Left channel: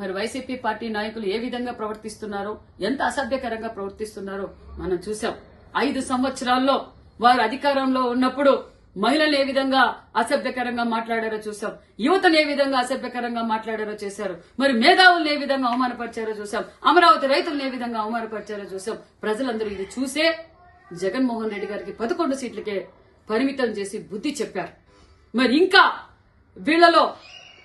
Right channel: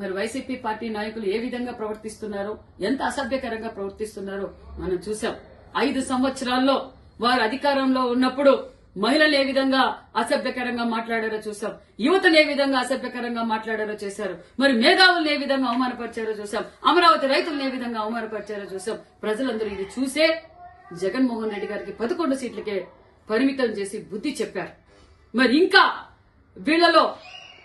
మరి YCP party నాయకులు ఏ విధంగా ప్రవర్తిస్తున్నారో, ఎంత అసభ్యకరంగా ప్రవర్తిస్తున్నారో మనం చూసాం. 5 సంవత్సరాల్లో వారు అధికారంలో ఉన్నప్పుడు మహిళలు ఏ విధంగా అసభ్యకరంగా మాట్లాడారో చూసాం. యువతను ఏ విధంగా అసభ్యకరంగా మాట్లాడారో చేశారు. మరి మేధావులను ఏ విధంగా అవమానపరిచారో చూసాం. అమరావతి రైతులను ఏ విధంగా అవమానపరిచారో చూసాం. ప్రజలందరూ ఇది చూసే జగన్మోహన్ రెడ్డి గారికి 11 సీట్లకే పరిమితం చేసి బుద్ధి చెప్పారు. మరి ఇంకా వీళ్లలో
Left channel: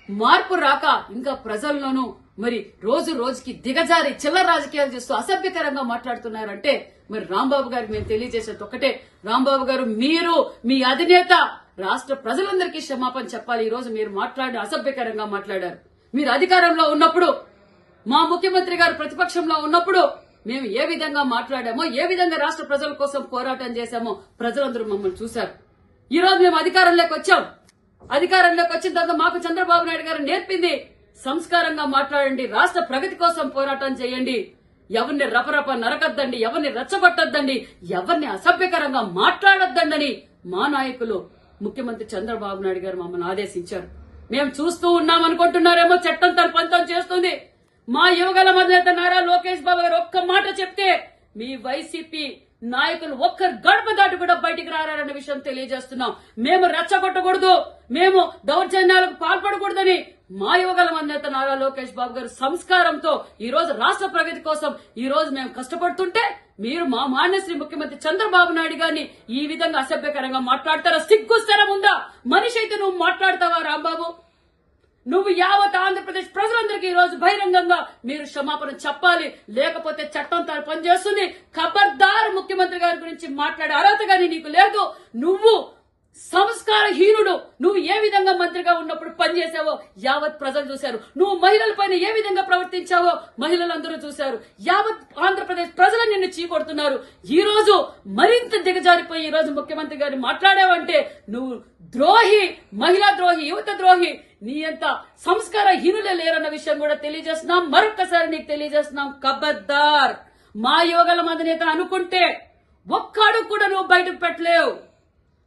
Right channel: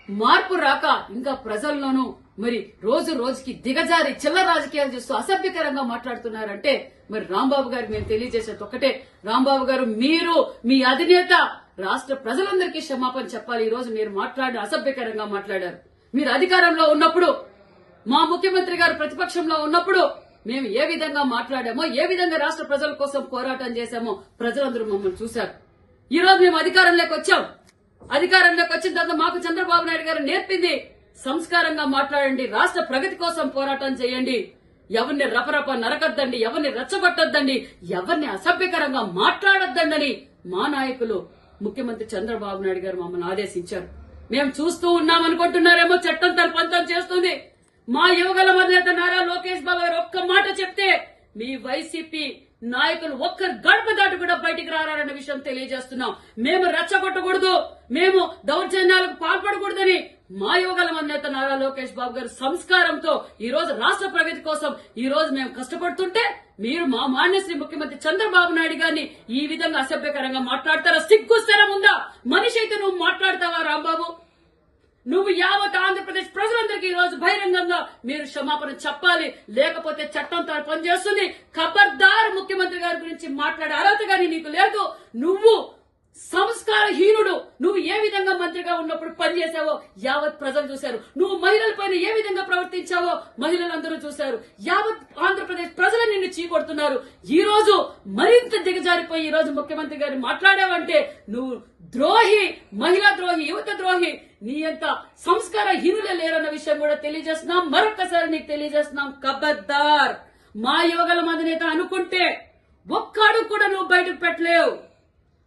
మార్పు రాక ఇంకా ప్రజల్లోనూ మరి రోజు రోజుకి దిగజారి చిల్లర రాజకీయాలు చేస్తూ అసభ్యకరంగా మాట్లాడుతున్నారంటే మరి రాంబాబు గారికి మేము తెలియజేసేది ఒకటే, రాంబాబు గారు మీరు మీ అధినేత రాష్ట్ర ప్రజలందరికీ క్షమాపణ చెప్పాలి. ఈ రోజు మీరు అసభ్యకరంగా మాట్లాడారు. మీరు అధికారంలో ఉన్నప్పుడు, మా ముఖ్యమంత్రి గారు ప్రతిపక్షంలో ఉన్నప్పుడు మేము ఏ విధంగా మాట్లాడామో, ఏ విధంగా రాష్ట్ర ప్రజల కోసం పోరాటం చేశామో ప్రజలందరూ మమ్మల్ని చూశారు. ఈ రోజు మేము అధికారంలోకి వచ్చాం. అధికారంలోకి వచ్చిన తర్వాత మాకు చంద్రబాబు నాయుడు గారు నేర్పింది సంస్కారంగా మాట్లాడండి, రాష్ట్ర ప్రగతి కోసం పోరాటం చేయండి, ఎవరిని రపరప నరకద్దండి, ఎవరిని రెచ్చగొట్టద్దండి, ఎవరిని అసభ్యకరంగా మాట్లాడొద్దండని మా నాయకులు ముఖ్యమంత్రి చంద్రబాబు నాయుడు గారు మమ్మల్ని ఆదేశించారు. మేము చూస్తూ ఉన్నామనుకుంటున్నారేమో, చట్టం తన పంతం చేస్తుంది. మా యువగల అధినేత నారా లోకేష్ బాబు గారు ఒక్క మాట చెప్తే మీ వైసీపీ నాయకులు ఒక్క గడప దాటి కూడా బయటికి రారన్న విషయం తెలియజేస్తున్నాం. మేము రెచ్చగొట్టకూడదు, మేము దౌర్జన్యాలకు పాల్పడకూడదని మా యువగల అధినేత నారా లోకేష్ బాబు గారు సంస్కారంతో ఈ రోజు రాష్ట్ర ప్రగతి కోసం ఈ రోజు మేము కష్టపడుతుంటే మీరు మా మాన్యశ్రీ ముఖ్యమంత్రి చంద్రబాబు నాయుడు గారిని ఈ విధంగా అసభ్యకరంగా మాట్లాడతారా? సిగ్గుస్తరం ఉందా? మనిషి అయితే నువ్వు మాట్లాడతావా రాంబాబు? నువ్వు యావత్ ఆంధ్రప్రదేశ్ ప్రజలందరికీ ఈ రోజు బహిరంగంగా మీరు క్షమాపణ చెప్పాలి, లేకపోతే చట్టం తన పనిచేస్తుంది. ఖబర్దార్ ముఖ్యమంత్రి గారి గురించి మాట్లాడే అర్హత గాని నీకు లేదు. నువ్వు సంస్కారహీనుడు. నువ్వు ఏ విధంగా మంత్రిగా ఉన్నప్పుడు పనిచేసావో యావత్ ప్రజలు చూశారు. నువ్వు మహిళలపైన ఏ విధంగా ప్రవర్తించావో మహిళలందరూ చూశారు. యావత్ ఆంధ్రప్రదేశ్ ప్రజలు నిన్ను చీకొడుతున్నారు. ఈ రోజు మరింత దిగజారిపోయి ఈ రోజు ముఖ్యమంత్రి గారిని మాట్లాడావంటే నువ్వు ద్రోహి, మహిళా ద్రోహి, యువత ద్రోహి. నీ అంత సంస్కారహీనులే లేరన్న విషయం కూడా తెలియజేస్తున్నాం. మరొక్కసారి నీకు తెలియజేస్తున్నాం, ఖబర్దార్. మా యువగల అధినేత అనుకుంటే ఒక్క అడుగు కూడా నువ్వు బయటకు పెట్టలేవు.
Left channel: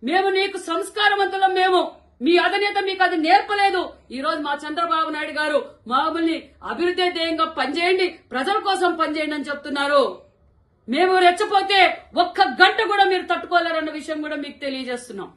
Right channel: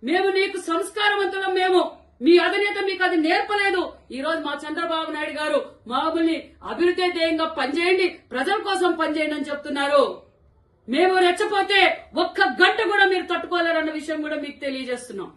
మేము నీకు సంస్కారవంతులం. మేము మీ అధినేత మీకు అది నేర్పలేదు. ఈ రోజు మా చంద్రబాబు నాయుడు గారు మమ్మల్ని అభివృద్ధి ధ్యేయంగా పనిచేయండి, ప్రజల కోసం పనిచేయండి అని చెప్తున్నారు. మేము రెచ్చపోతే ఒక్క గంట కూడా మీరు తట్టుకోలేరన్న విషయం కూడా మీకు తెలియజేస్తున్నాం.